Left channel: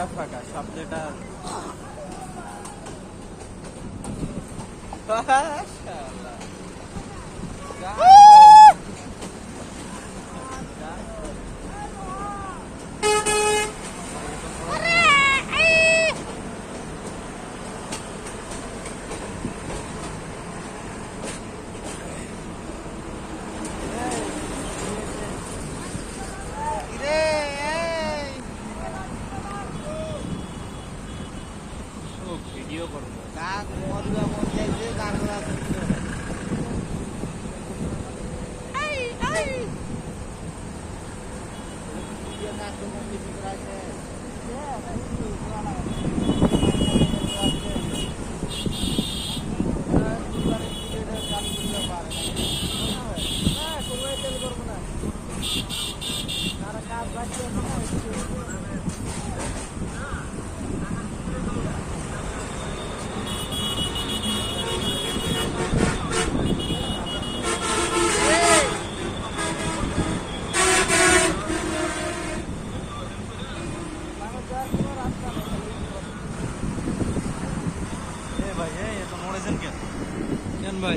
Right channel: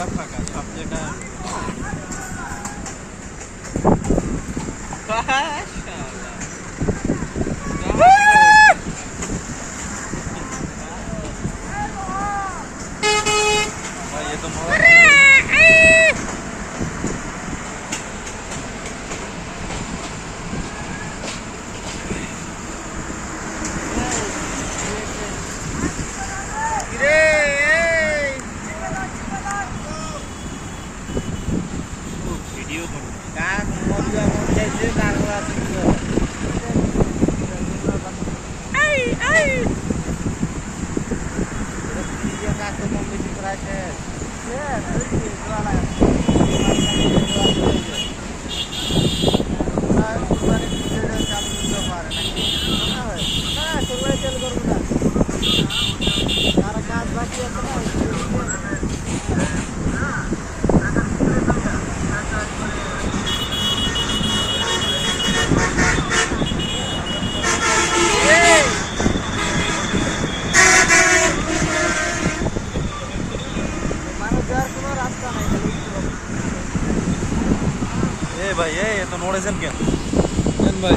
পুরা ভিডিও করো কাক মরিয়া মরিয়াছে কাকড়া ছিল কাক তো কম বেশি করাছে এ ভাই এ তো নড়েছেন কেন? কেন ভাই?